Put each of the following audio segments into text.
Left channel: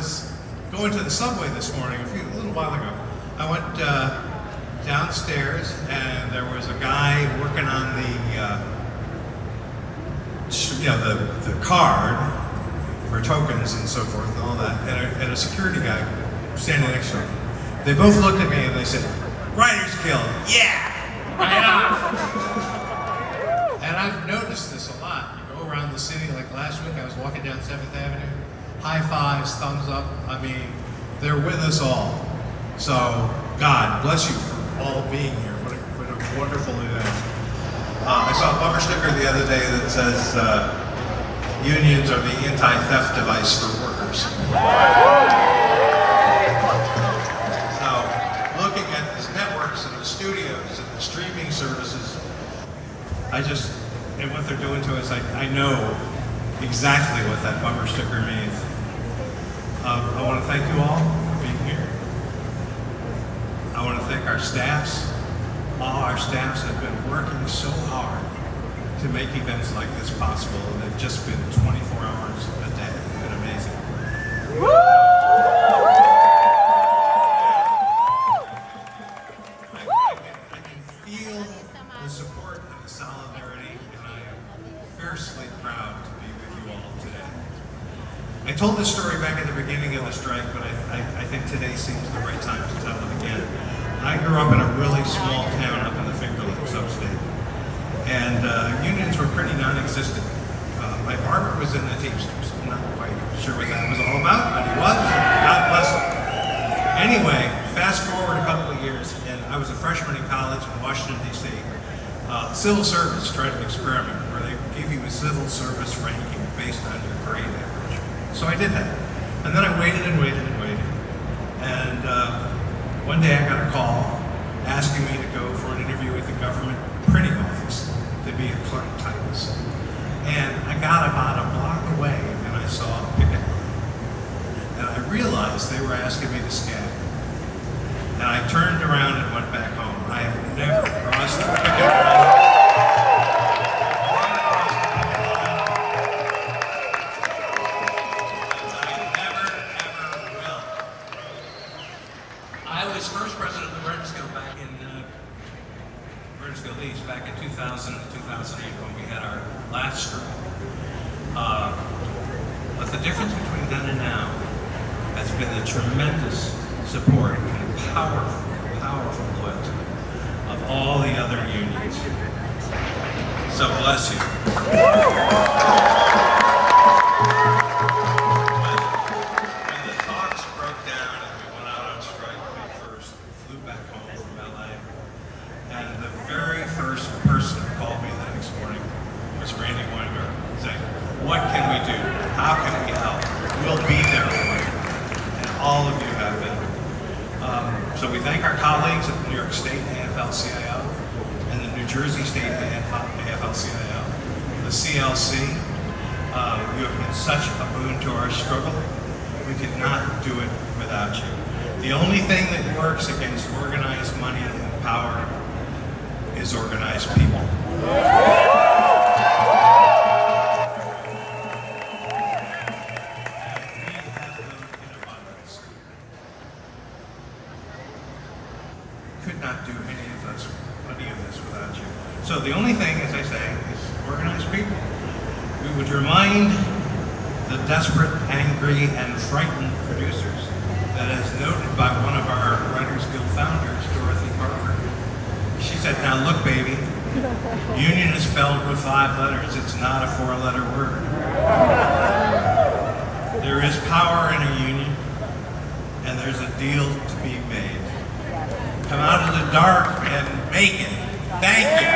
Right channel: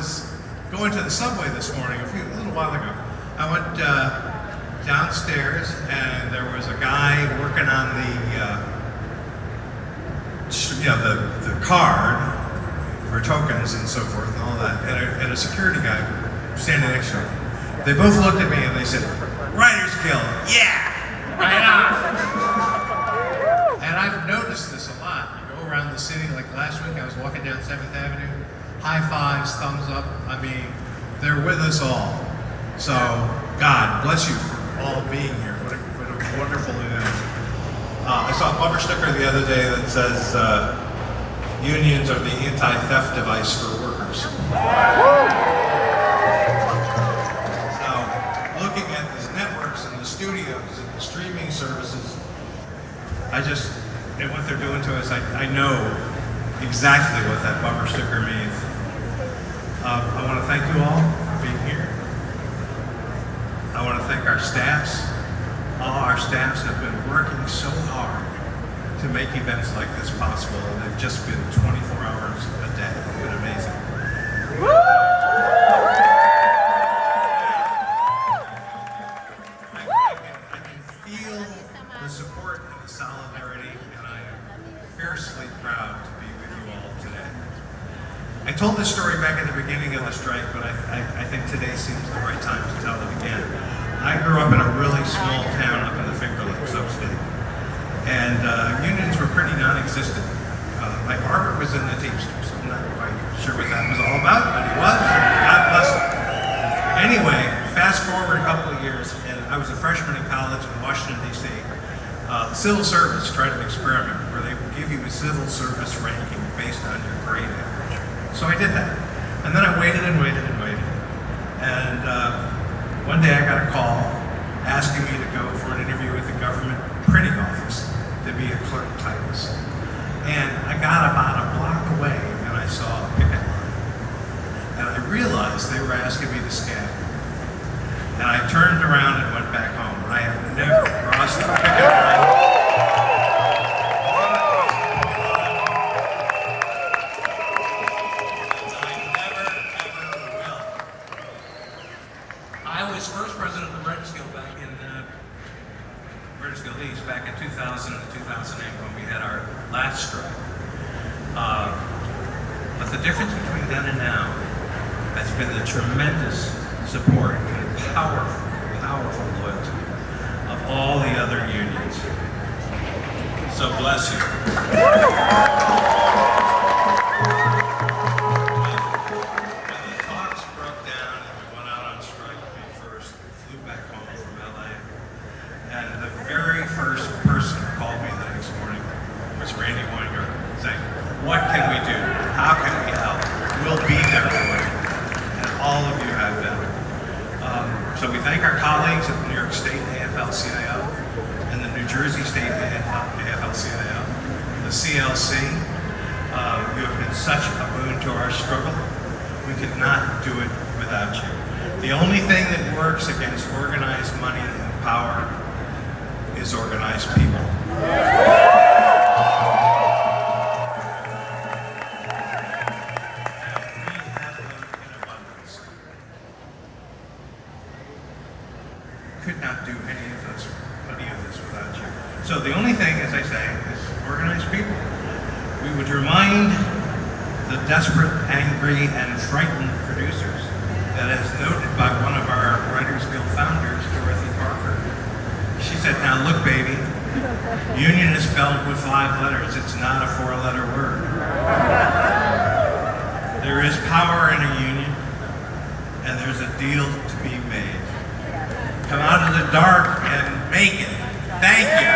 was going to the subway this morning, a little while ago. I went downstairs, and there was a guy working on the card for tokens and so forth and all that, and a security guy standing next to him. They both looked at me and they said, "Writer's Guild, yeah, right on." And I've noticed this a lot. You go around the city, like last week I was walking down 7th Avenue, high fives, thumbs up. I mean, they're with us all. So God bless you for all being here. What a wonderful event. I saw a bumper sticker the other day that says, unions are the anti-theft device for workers. So, looking at these networks and the studios and the streaming services, and what they're doing to us, I know exactly what that bumper sticker means. I want to thank you all for being here. I want to thank our staffs. All our staffs have been working so hard to make events like this possible, and they've just been 24 hours a day. It's been amazing. I can feel the support and the solidarity, and I am fiercely proud to be with you all today. I told this story back at the beginning of the strike, but I think today seems the right time to tell it again. I grew up in a really small town up in the Finger Lakes upstate, and unions were pretty non-existent. My barber was in the Teamsters. I'm not quite sure what that was all about, but he was. God bless him. Anyway, fast forward a couple of years, and I was a freshman in college in Washington, D.C. Civil service tried an experiment where they would give you a civil service ranking based on your grade average. So I did that. And then I waited and waited and waited. And one day I got a call asking me to go for an interview with the government printing office to be a clerk typist. And I got about a block away and I saw a picket line. And I realized they were asking me to scan. And I turned around and went back home. I have never crossed a picket line. Back in 2000 and 2008 when we had our last strike. But the difference between then and now has been the tremendous support and powerful loyalty of all the other unions. So bless you. When the talks broke down and we went out on strike May 1st, we flew back home from LA. And the very first person who called me the next morning was Randy Weingart, saying, "What can we do? How can we help? We'll be there for you." And all of you have been. So we thank our colleagues at the New York State AFL-CIO and the New Jersey State AFL-CIO, the CLC. You have been such a boon to our struggle. We could not do it without you. The only thing that works against organized money and power is organized people. And we have them in abundance. We could not do any of this without you. So the only thing, as I say, is organized people. We would remind the desperate, angry, and frightened producers that, as noted by one of our Writers Guild founders, Dorothy Parker, she said, "Now look, baby, union is spelled with 5 letters. It's not a 4-letter word. There is power in a union, and there's a deal to be made. Come out of the dark and make it." Thank you.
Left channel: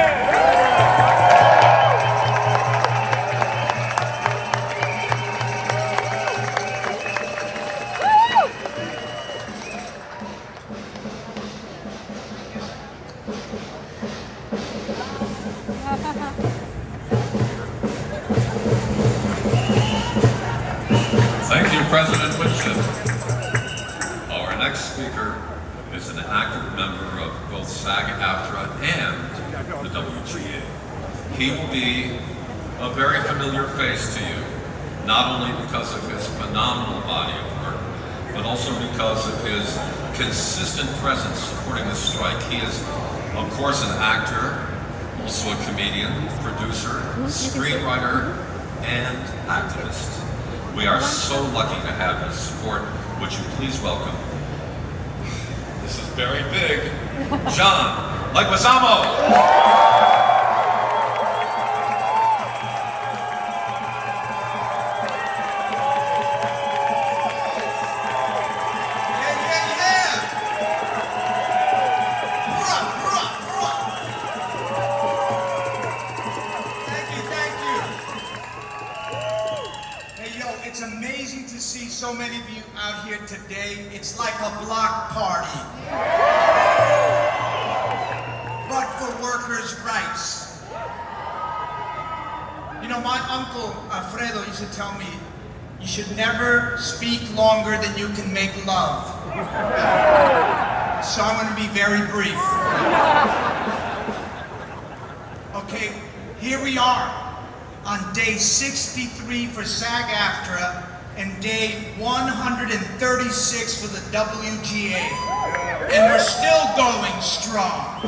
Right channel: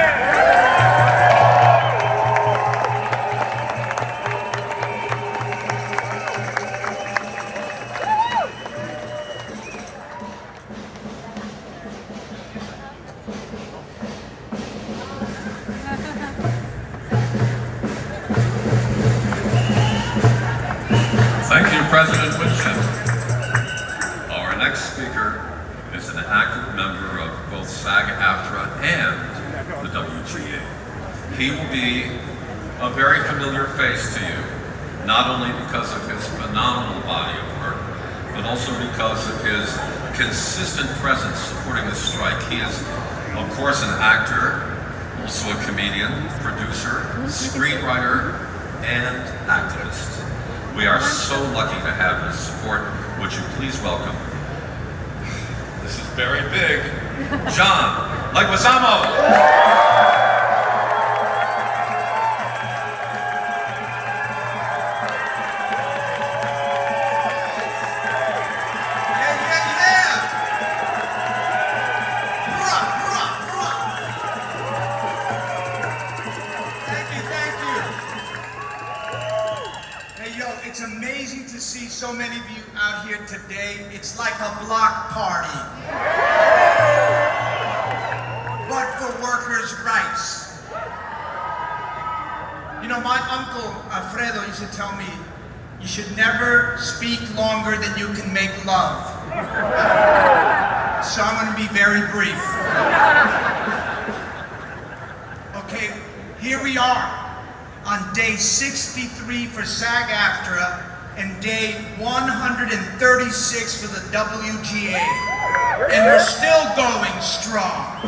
Thank you, President Winship. Our next speaker is an active member of both SAG-AFTRA and the WGA. He will be a very familiar face to you, not only because of his phenomenal body of work, but also because of his consistent presence supporting the strike. He is, of course, an actor, also a comedian, producer, screenwriter, and activist. We are so lucky to have his support. Would you please welcome, this is very big, John Leguizamo. It's amazing to see so many of you out here today. It's like a block party. But for workers' rights. You know, my uncle Alfredo used to tell me, you should never speak longer than you can make love. So I'm going to be very brief. Okay, here we are on day 63 for SAG-AFTRA and day 136 for the WGA. And we're still going strong.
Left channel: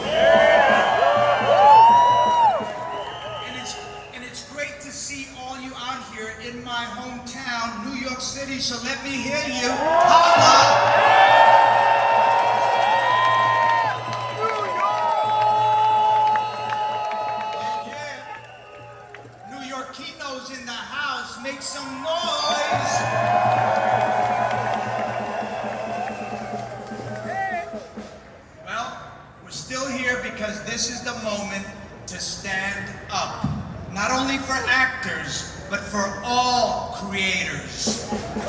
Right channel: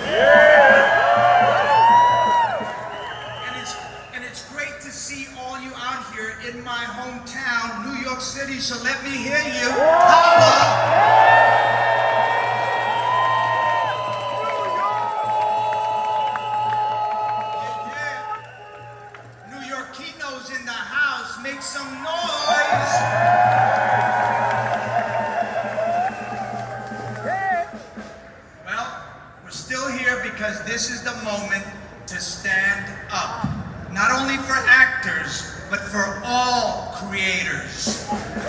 And it's great to see all you out here in my hometown, New York City, so let me hear you. Holla! In the house, make some noise. Well, we're still here because this is the moment to stand up. Not only for actors, but for all creators.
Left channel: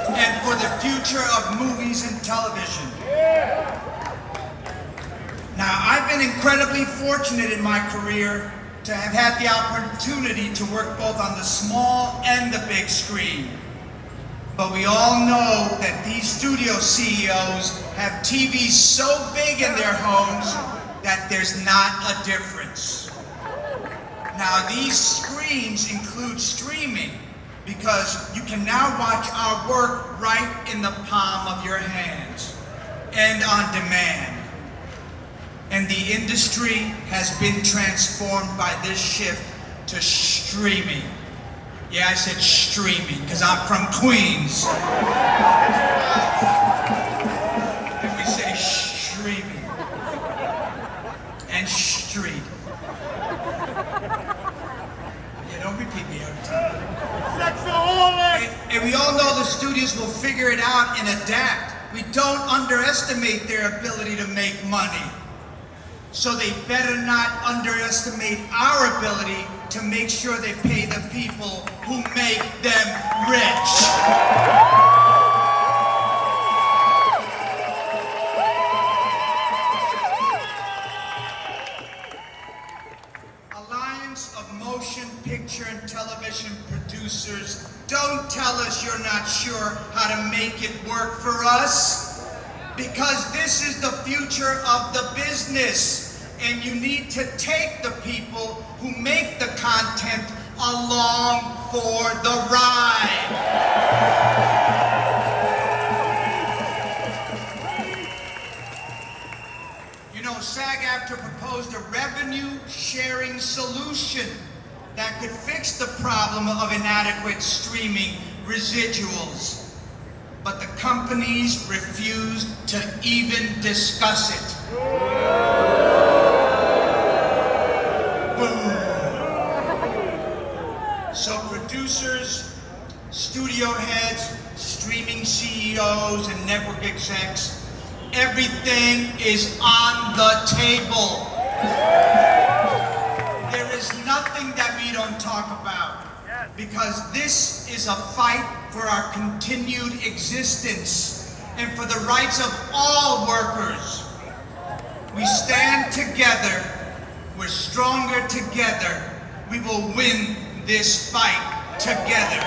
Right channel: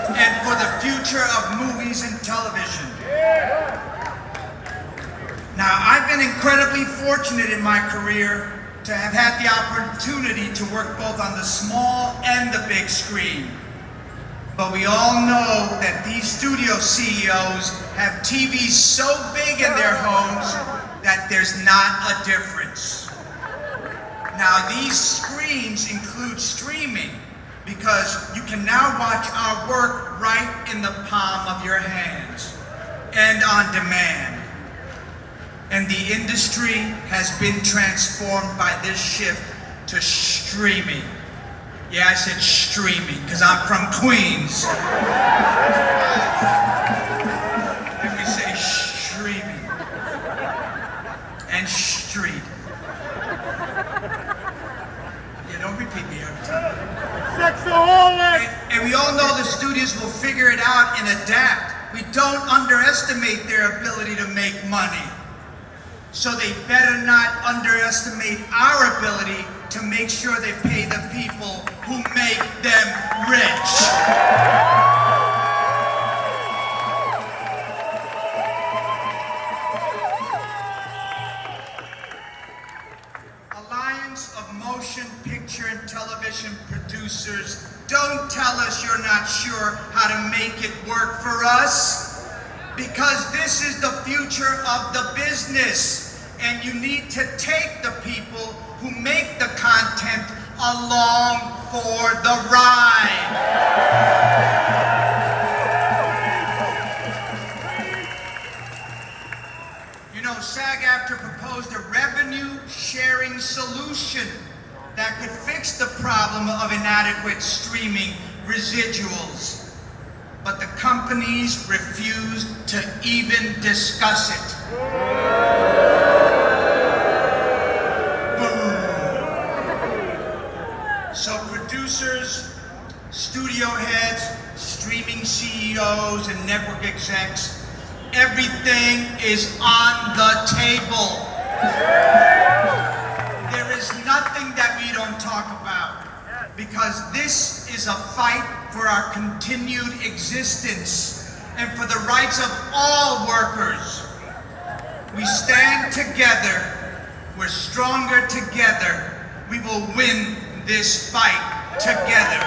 And for the future of movies and television. Now, I've been incredibly fortunate in my career to have had the opportunity to work both on the small and the big screen. But we all know that these studio CEOs have TVs so big in their homes that there's not a difference. Now, these screens include streaming because you can now watch our work right in the palm of your hands and on demand. And the industry has been transformed by this shift to streaming. Yeah, I said streaming because I'm from Queens. And we say streaming and street. Yeah, don't repeat me every time. And we all know the studios will figure it out and adapt. We don't underestimate their ability to make money. So they better not underestimate our ability to make sure they pay the people who make them rich. Alliance of Motion Picture and Television Producers, don't tell us you're not sure how to make it work for us, because this is the future of the business. And you need to take the people who make the content along for the ride. You know, SAG-AFTRA proposed a revenue-sharing solution that could fix the problem of inadequate streaming residuals. But the companies refused to even discuss it. So producers, studio heads, streaming CEOs, and network execs, everything is on the table. There is nothing that we don't talk about, because this is a fight for our continued existence and for the rights of all workers. We stand together. We're stronger together. We will win this fight together.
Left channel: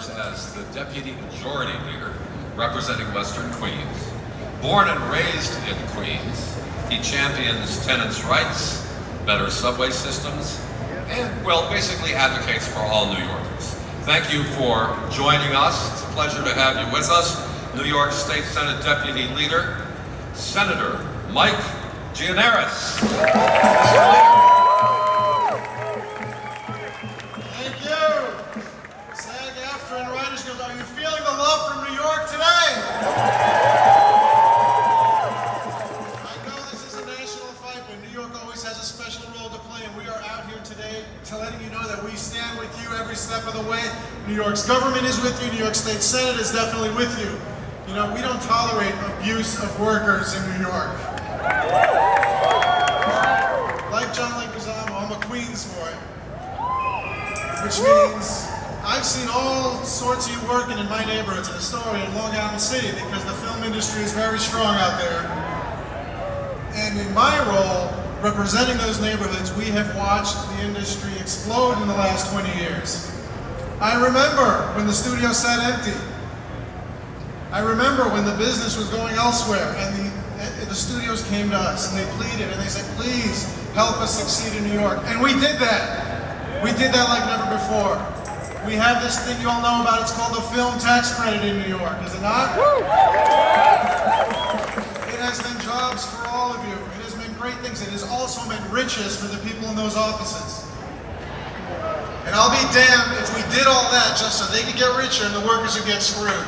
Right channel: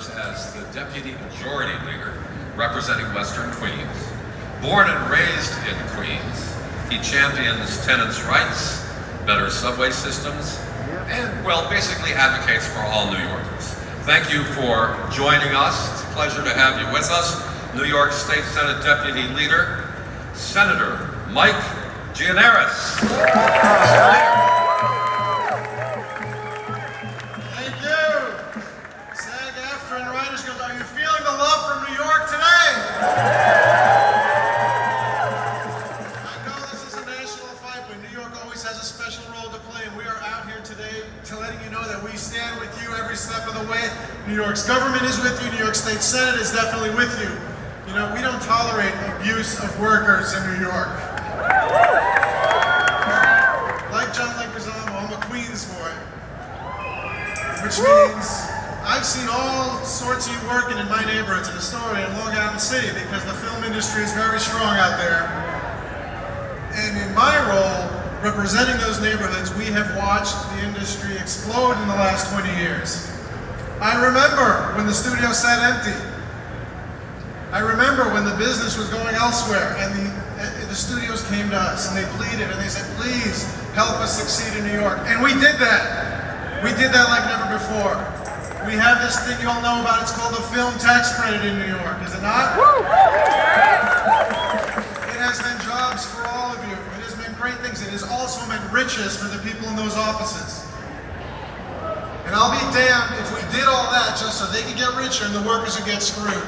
serves as the Deputy Majority Leader representing Western Queens. Born and raised in Queens, he champions tenants' rights, better subway systems, and, well, basically advocates for all New Yorkers. Thank you for joining us. It's a pleasure to have you with us. New York State Senate Deputy Leader, Senator Mike Gianaris. Thank you. SAG-AFTRA and Writers Guild, are you feeling the love from New York today? I know this is a national fight, but New York always has a special role to play, and we are out here today to letting you know that we stand with you every step of the way. New York's government is with you. New York State Senate is definitely with you. You know, we don't tolerate abuse of workers in New York. Like John Leguizamo, I'm a Queens boy, which means I've seen all sorts of you working in my neighborhoods in Astoria and Long Island City because the film industry is very strong out there. And in my role, representing those neighborhoods, we have watched the industry explode in the last 20 years. I remember when the studio sat empty. I remember when the business was going elsewhere and the studios came to us and they pleaded and they said, please help us succeed in New York. And we did that. We did that like never before. We have this thing you all know about, it's called the film tax credit in New York, is it not? It has meant jobs for all of you. It has meant great things. It has also meant riches for the people in those offices. And I'll be damned if we did all that just so they could get richer and the workers would get screwed.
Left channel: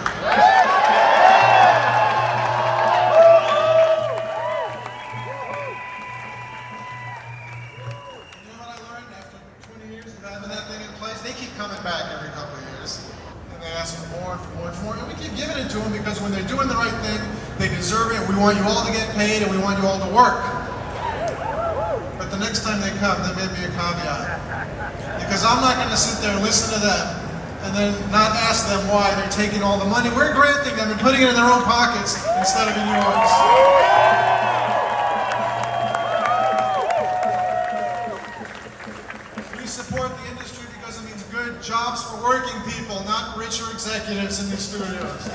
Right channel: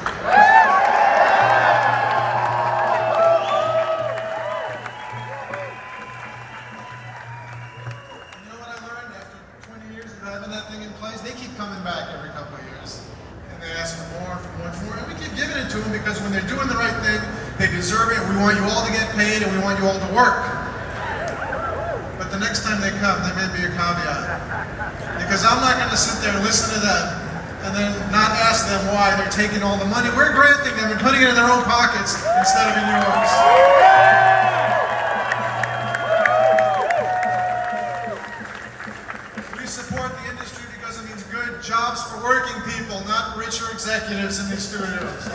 Because when they're doing the right thing, they deserve it, and we want you all to get paid, and we want you all to work. But the next time they come, there may be a caveat. Because I'm not going to sit there and listen to them, and then not ask them why they're taking all the money. We're granting them and putting it in their own pockets instead of in yours. We support the industry because it means good jobs for working people, not richer executives in these studios.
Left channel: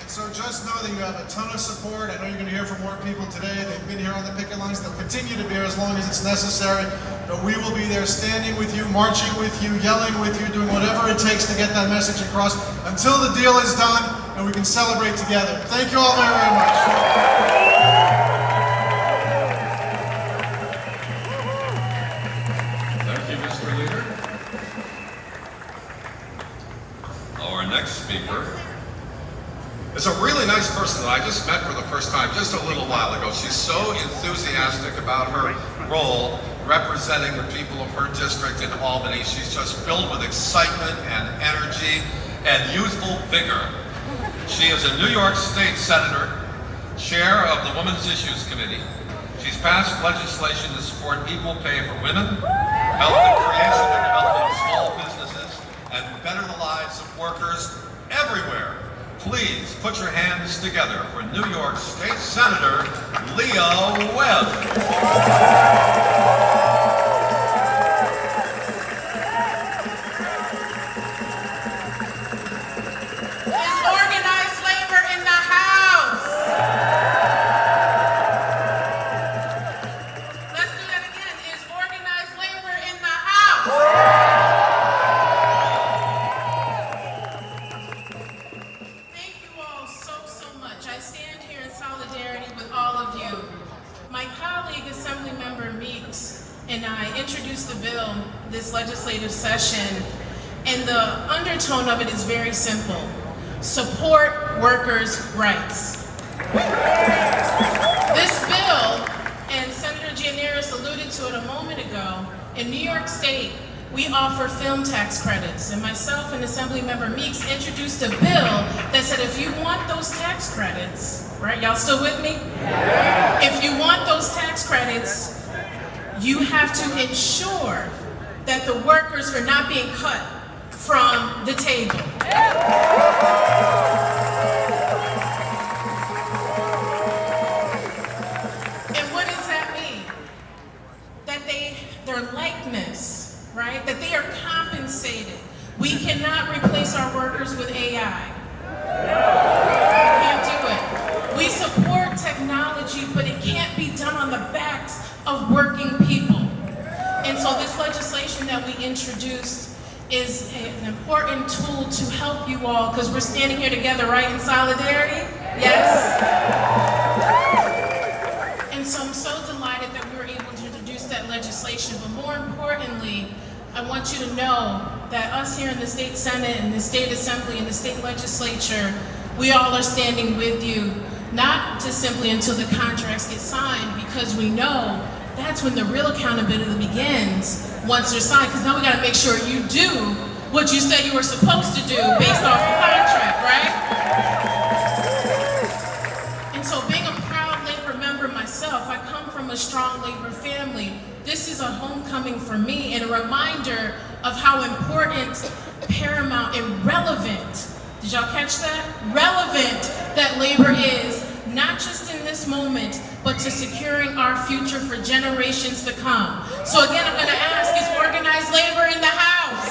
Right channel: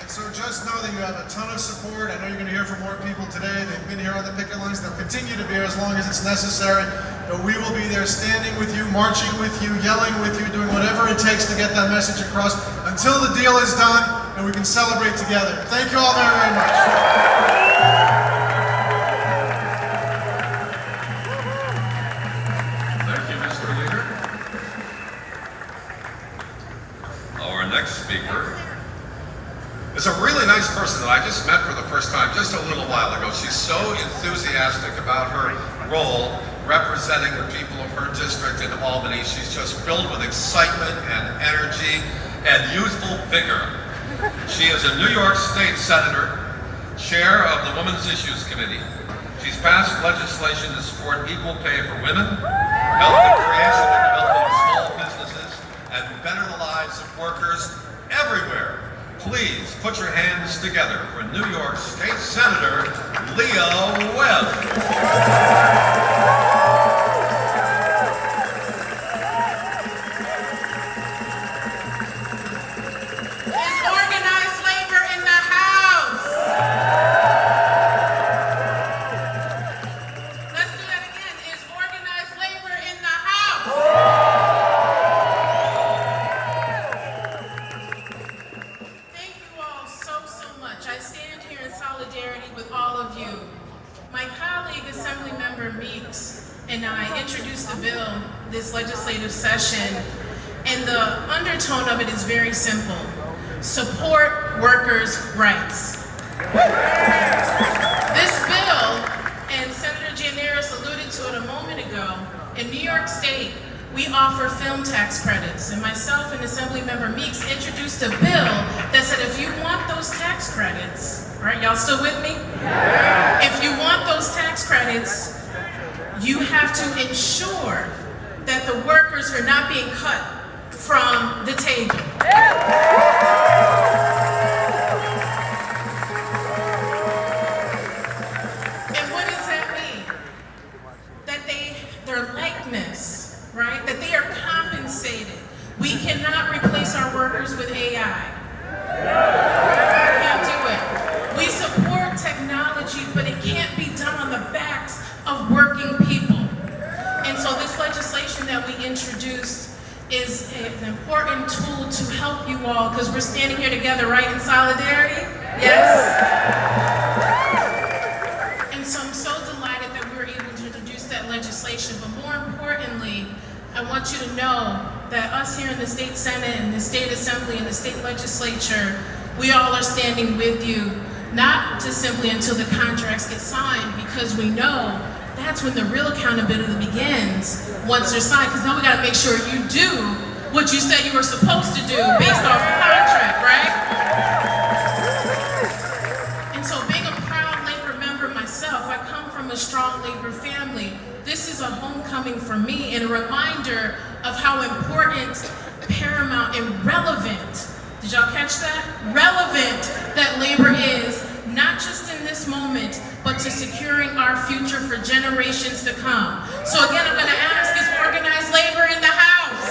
And so just know that you have a ton of support. I know you're going to hear from more people today. They've been here on the picket lines. They'll continue to be here as long as it's necessary. But we will be there standing with you, marching with you, yelling with you, doing whatever it takes to get that message across until the deal is done and we can celebrate together. Thank you all very, very much. Our next speaker is a really nice person that I just met for the first time just a little while ago. She's so enthusiastic about her role representing the people of her district in Albany. She's just filled with excitement and energy and youthful vigor. She is a New York State Senator, chair of the Women's Issues Committee. She's passed legislation to support equal pay for women, help the creation and development of small businesses, and better the lives of workers everywhere. Please put your hands together for New York State Senator Leah Webb. And I introduced the bill this legislative session, and the undertone of it is very simple. Support workers' rights. This bill, and Senator Gianaris alluded to it a moment ago, in New York State, we offer film tax credits, and myself and Assemblymember Meeks introduced a bill that said if you want those tax credits, right, y'all still with me? Yeah. If you want those tax credits, you have to ensure that the workers are not being cut from the table. And what does that mean? That their likeness, right? That they are compensated. We cannot replace our workers with AI. Can't do it. We support technology, but it can't be done on the backs of working people. And so this legislation that we introduced is an important tool to help you all, because we're standing here together, right, in solidarity? Yes? And so I'm so delighted that we were able to introduce that legislation, but more importantly, I want you to know that us here in the State Senate and the State Assembly and the State Legislature, we all are standing with you, not just simply until the contracts get signed, because we know that's when the real accountability begins, once they're signed, because now we gotta make sure you do what you said you were supposed to do based off the contract, right? And so being a proud labor member myself, I come from a strong labor family. This is a homecoming for me and a reminder of how important, paramount, and relevant, did y'all catch that? Relevant that labor is, not just in this moment, but to securing our future for generations to come. So again, I'm gonna ask, is organized labor in the house?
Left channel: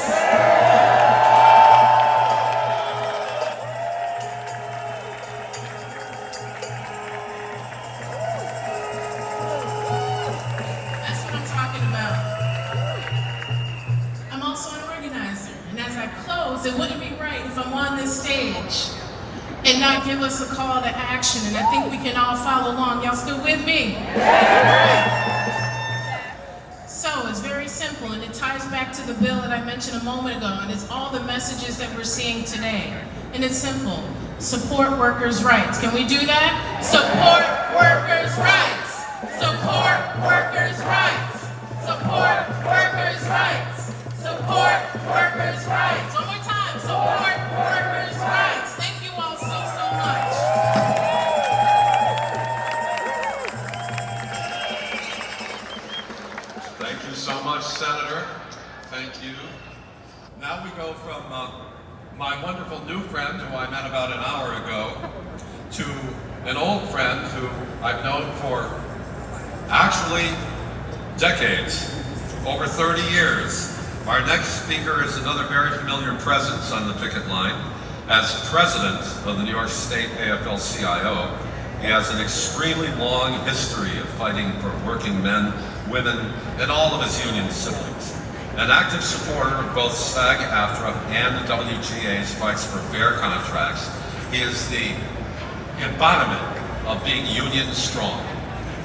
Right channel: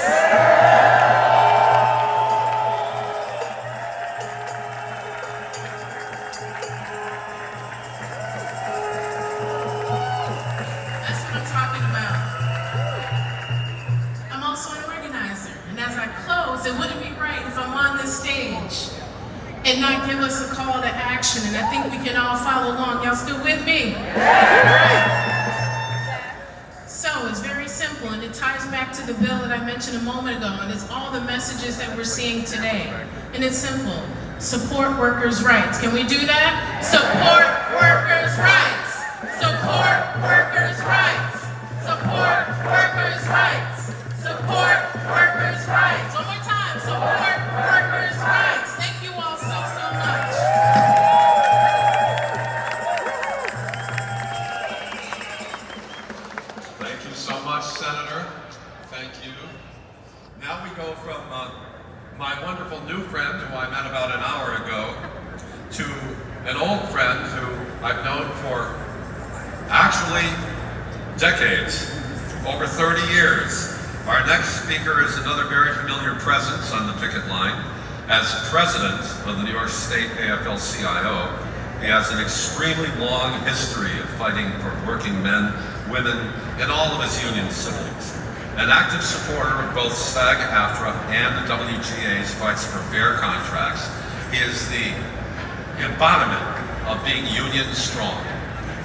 That's what I'm talking about. I'm also an organizer, and as I close, it wouldn't be right if I'm on this stage and not give us a call to action, and I think we can all follow along. Y'all still with me? So it's very simple, and it ties back to the bill that I mentioned a moment ago, and it's all the messages that we're seeing today. And it's simple: support workers' rights. Can we do that? Support workers' rights. Support workers' rights. Support workers' rights. Support workers' rights. One more time. Support workers' rights. Thank you all so much. Thank you so much, Senator. Thank you. Now we go from my wonderful new friend, who I met about an hour ago, to an old friend who I've known for actually decades, over 30 years. Our next speaker is another very familiar presence on the picket line. As president of the New York State AFL-CIO, he has an extremely long history of fighting for working men, women, and all of his union siblings. An active supporter of both SAG-AFTRA and the WGA's fights for fair contracts, he is the embodiment of being union strong.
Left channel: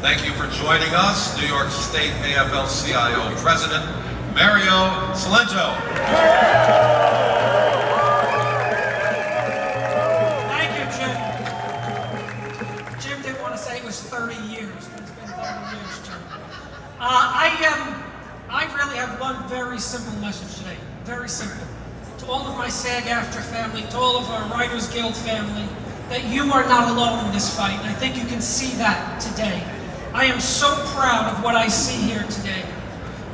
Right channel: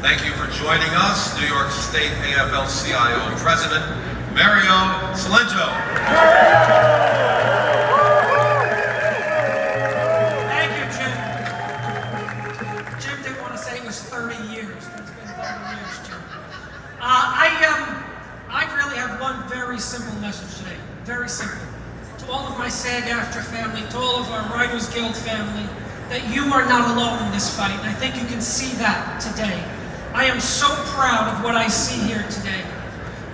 Thank you for joining us, New York State AFL-CIO President Mario Cilento. Thank you, Jim. Jim didn't want to say it was 30 years, but it's been 30 years, Jim. I really have one very simple message today. Very simple. To all of my SAG-AFTRA family, to all of our Writers Guild family, that you are not alone in this fight, and I think you can see that today. I am so proud of what I see here today.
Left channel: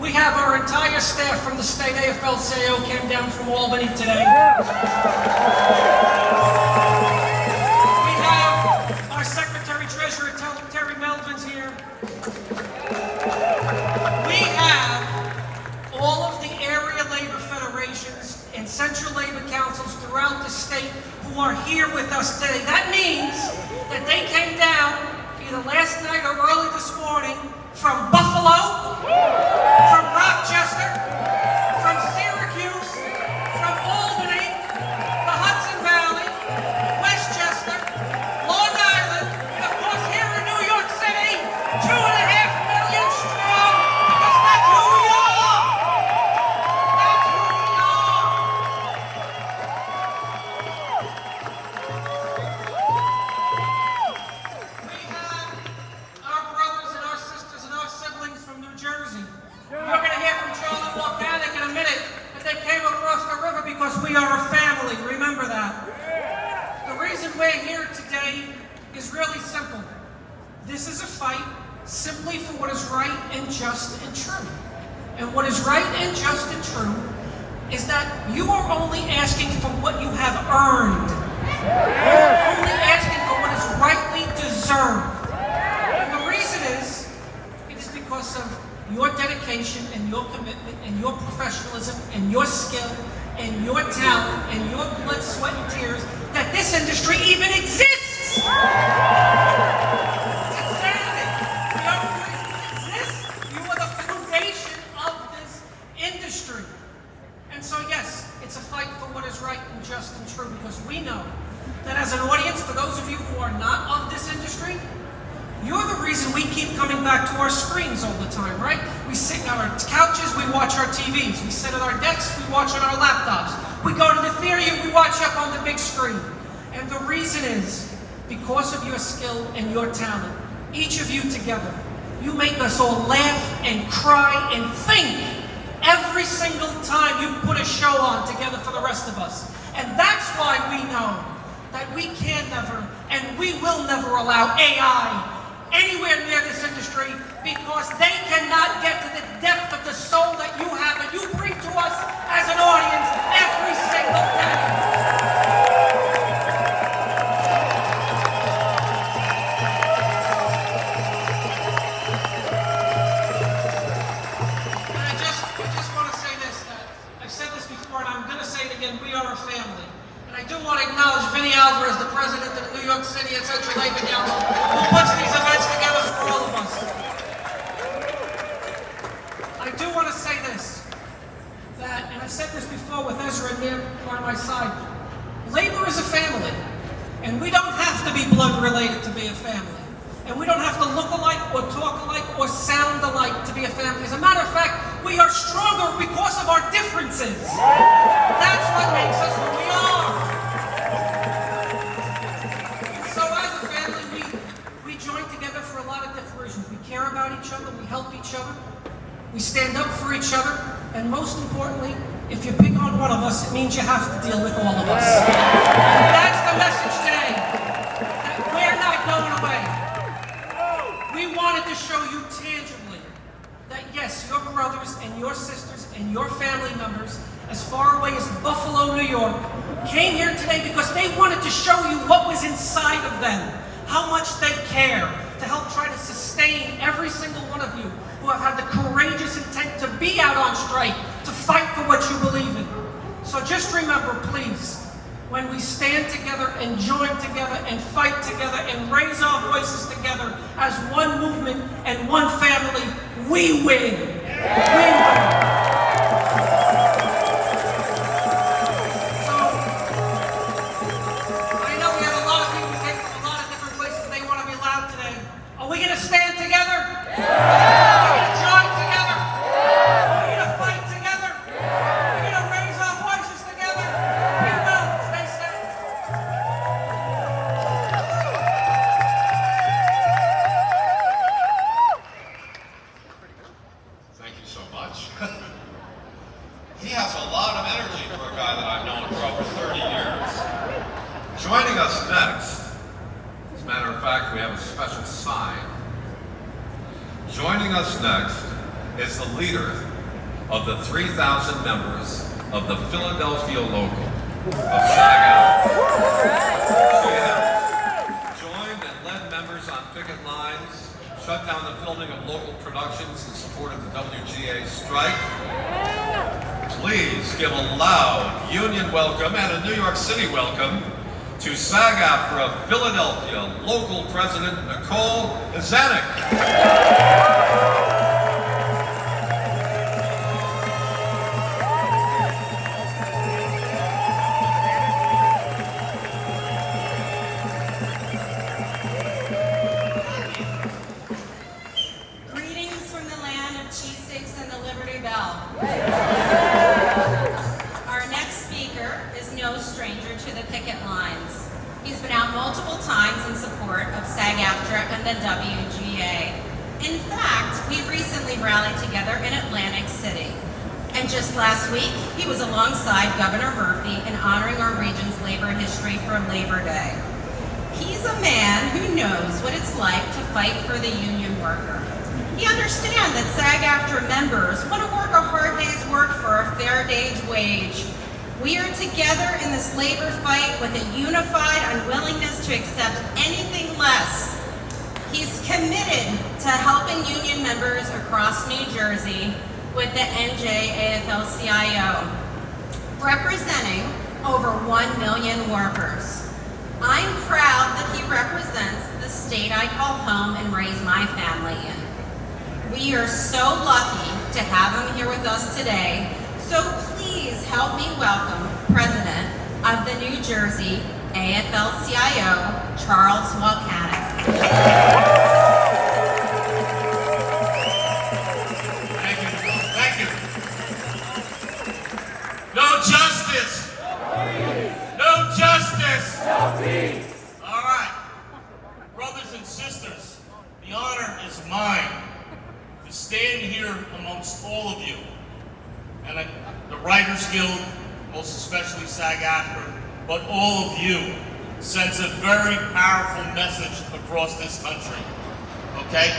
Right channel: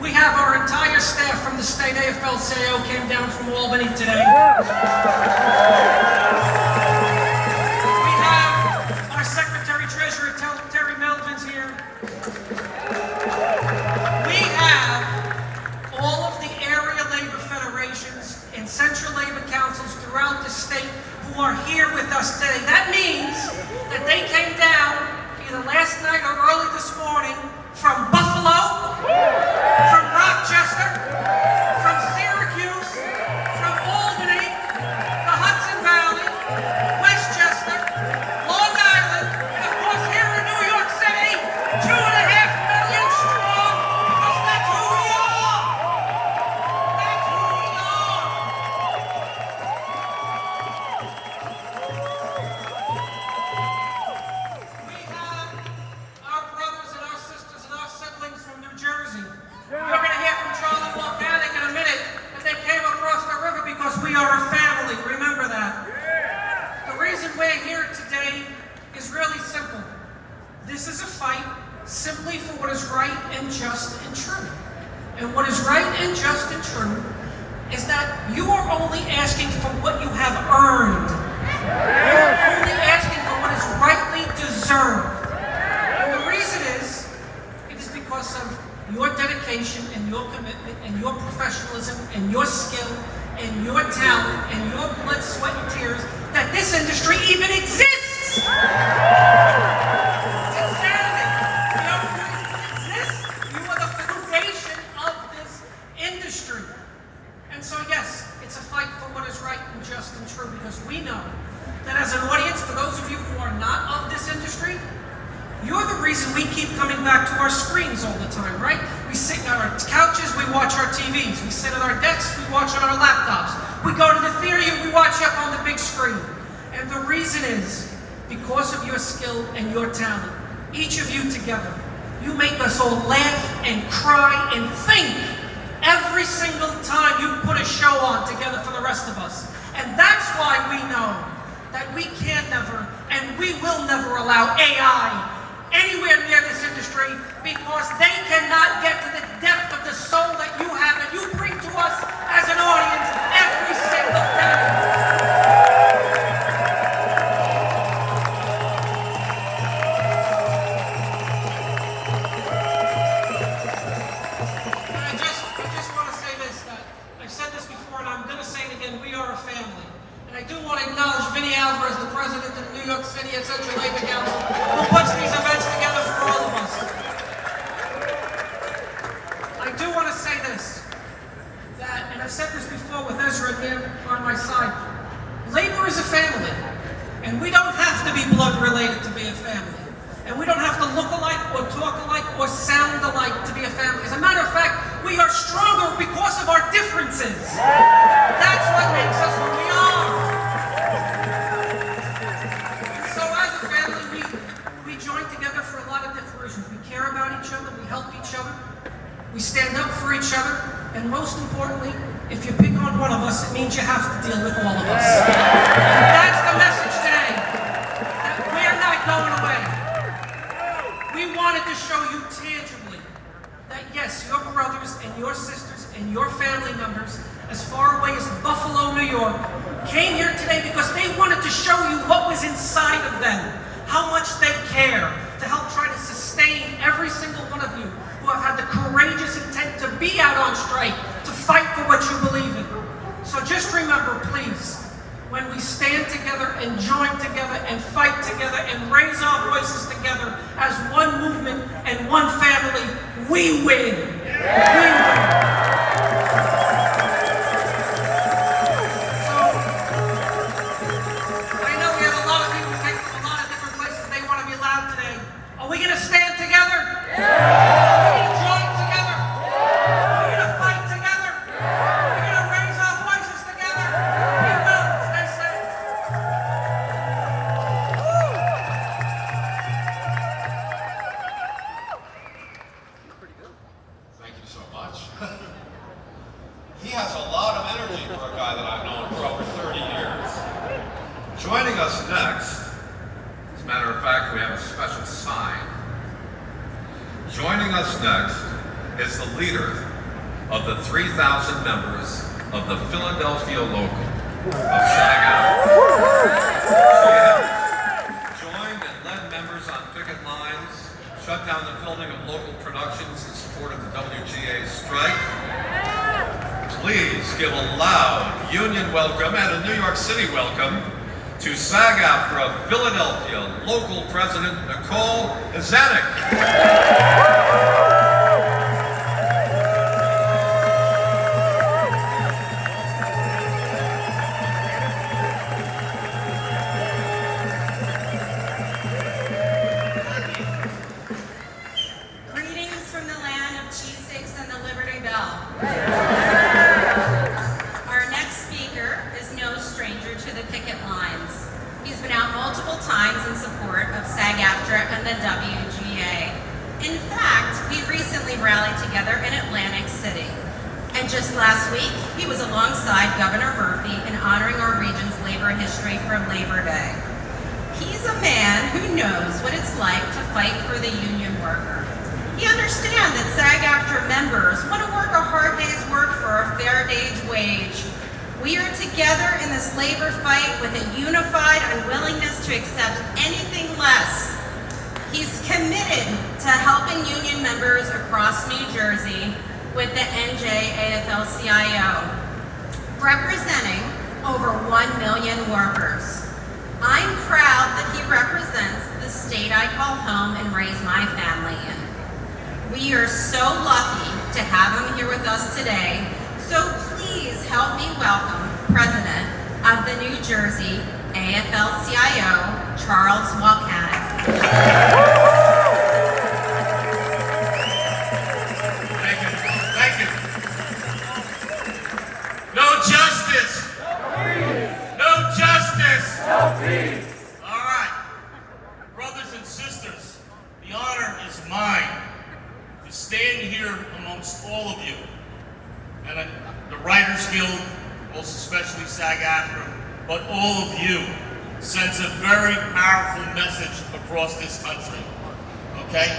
We have our entire staff from the state AFL-CIO came down from Albany today. We have our Secretary-Treasurer, Terry Melvin's here. We have all of the area labor federations and central labor councils throughout the state who are here with us today. That means that they came down either last night or early this morning from Buffalo, from Rochester, from Syracuse, from Albany, the Hudson Valley, Westchester, Long Island, and of course here in New York City, 2.5 million strong, because that's who we are. That's who we are. We have our brothers and our sisters and our siblings from New Jersey. You're going to hear from Charlie Volcanic in a minute that they came across the river because we are a family. Remember that. The reason we're here today is really simple. This is a fight simply for what is right and just and true. And what is right and just and true is that you are only asking for what you have earned. You are only asking for what is rightly deserved. And the reason is, it is because of your dedication and your commitment and your professionalism and your skill and your talent and your blood, sweat, and tears that this industry even exists. It's insanity. The only reason it exists, you are the foundation of this industry. And so yes, it's a fight for what is right and just and true, because we know that as an audience, for those of you who are not of this industry, you're the reason we keep coming back to our screens all the time, right? We sit on our couches, we watch our TVs. We sit at our desks, we watch on our laptops. We go to the theater, we watch up on the big screen. And the reason is because of your skill and your talent. Each of you together, you make us all laugh and cry and think every single time you put a show on together for the rest of us. And that's why we know that we can never and we will never allow AI anywhere near this industry, because they cannot get to the depth of the soul that you have and you bring to us as an audience every single day. And I just want to say this, that I've said this before and I'm going to say it again, we are a family. And I do want to acknowledge Vinny Alvarez, the president of the New York City and Central Labor Council, who puts these events together for all of us. I do want to say this, that, and I've said this before with Ezra and Mir on my side, labor is a family, and we don't have to be blood related to be a family. And we don't have to look alike or talk alike or sound alike to be a family. As a matter of fact, we are stronger because of our differences. That's what makes us who we are. And so as a family, we join together for a lot of different reasons. We care about each other, we help each other, we stand up for each other, and most importantly, if you pick on one of us, it means you have to deal with all of us. And that's the message today, that we're not going away. We wanted to show you tangibly that yes, your brothers and your sisters and your family members, as far away as Buffalo, New York, came here today because they wanted to show you what was inside of them, how much they care, to help try to sustain every single one of you who have had the courageous intent to be out on strike, to fight for what you believe in. So just remember, please, when we stand together and join together and fight together and raise our voices together as one movement and one family, we win. We win. So, I know we have a lot of people who came from a lot of different places. They want to be loud today. Are we going to stand together? Are we going to join together? Are we going to fight together? Are we going to raise our voices together? We will. Stay safe. Thank you so much. He has a lot of energy for a guy that I've known for over 30 years. Joining us next, as a matter of fact, we have a special sign. Joining us next is the leader of the 3,000 members of the Philadelphia local of SAG-AFTRA. She has joined and led members on picket lines, shut down the filming of local productions in support of the WGA strike. Please give a loud union welcome and a New York City welcome to SAG-AFTRA Philadelphia local president Nicole Izanik. Greetings from the land of cheese sticks and the Liberty Bell. Our next speaker is no stranger to the picket lines. He's been out multiple times in support of SAG-AFTRA and the WGA. In fact, we recently rallied together in Atlantic City. And just last week, he was alongside Governor Murphy in honoring our region's labor history for Labor Day. He's a man who knows what it's like to fight for the union worker. He understands that SAG-AFTRA members want to work a hard day's work for a fair day's wage. We are together in this labor fight with a unified unwillingness to accept anything less. He's committed to helping union members across New Jersey with the NY AFL-CIO, representing over 1 million workers. I'm proud that he represents the state I call home and raise my family in. We are so lucky to have him here with us today, so please help me welcome President of the New Jersey AFL-CIO, Charles Walcanic. Thank you. No justice. No justice. All right. Brothers and sisters, the honor is mine to stand here amongst all of you. And the Writers Guild, most especially SAG-AFTRA, but all of you, sends a very powerful message across this country, okay?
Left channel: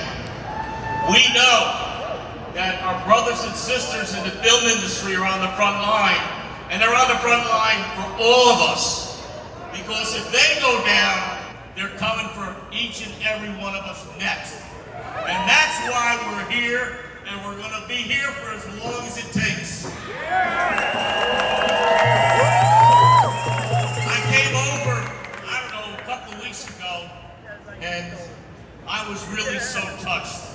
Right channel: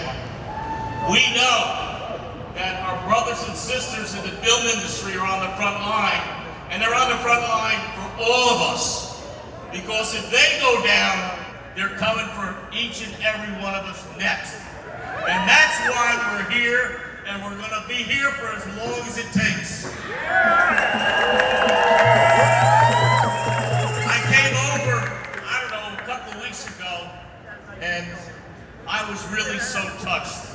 We know that our brothers and sisters in the film industry are on the front line, and they're on the front line for all of us. Because if they go down, they're coming for each and every one of us next. And that's why we're here, and we're gonna be here for as long as it takes. I came over, I don't know, a couple of weeks ago, and I was really so touched.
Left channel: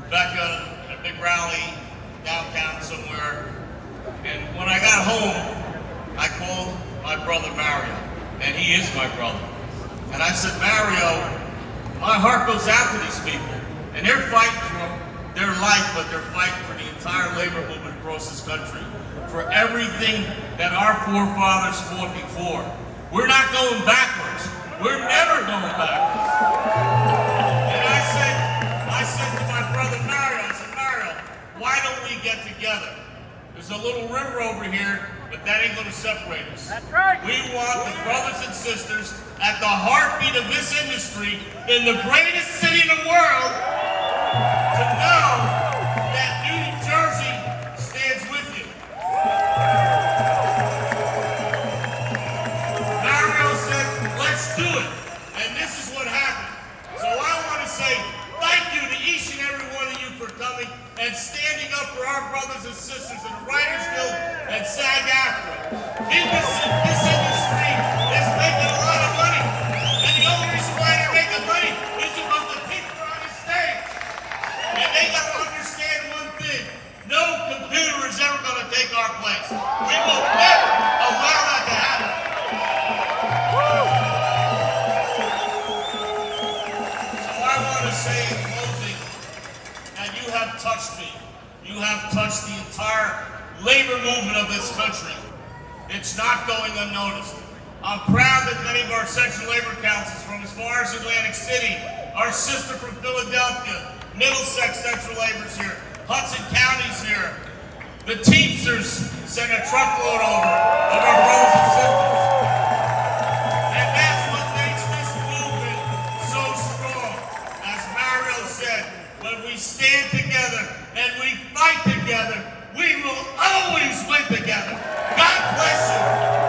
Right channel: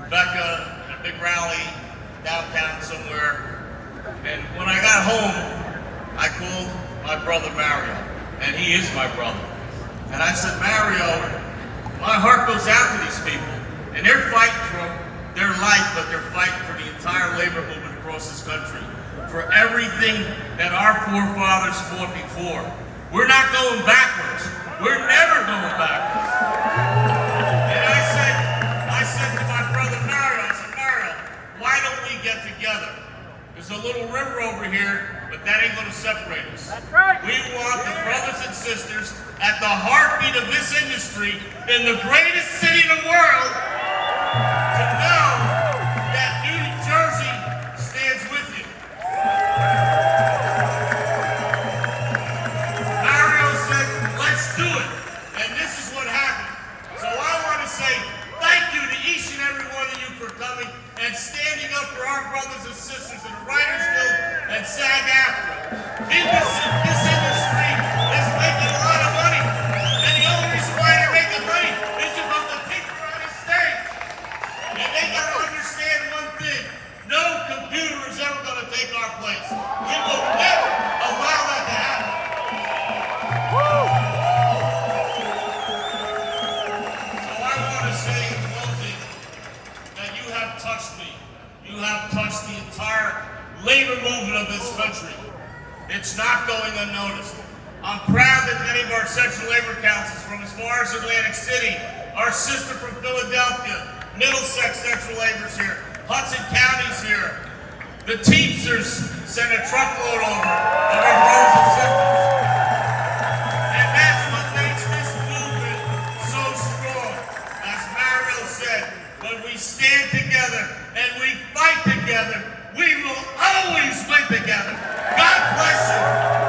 Rebecca at a big rally downtown somewhere, and when I got home, I called my brother Mario, and he is my brother. And I said, Mario, my heart goes out to these people, and they're fighting for their life, but they're fighting for the entire labor movement across this country, for everything that our forefathers fought before. We're not going backwards. We're never going backwards. And I said to my brother Mario, I said, Mario, why don't we get together? There's a little river over here, but that ain't gonna separate us. That's right. We want the brothers and sisters at the heartbeat of this industry in the greatest city in the world to know that New Jersey stands with you. Mario said, let's do it. And this is what happened. So I want to say thank you to each and every one of you for coming and standing up for our brothers and sisters in the Writers Guild and SAG-AFTRA. This industry is making a lot of money. And the only reason why they're making money is because the people are on the stage. And they got to understand one thing. No computer is ever going to take our place. We will never allow that to happen. So I want to say in closing that you have touched me. You have touched the entire labor movement of this country. It's not going unnoticed. I'm proud that many of our Central Labor Councils from as far as Atlantic City, our sister from Philadelphia, Middlesex Central Labor's here, Hudson County's here. The Teamsters sent a truckload over of our brothers and sisters. And that's what makes this movement so strong. As Mario said, when we stand together and we fight together, we will always win together. God bless you.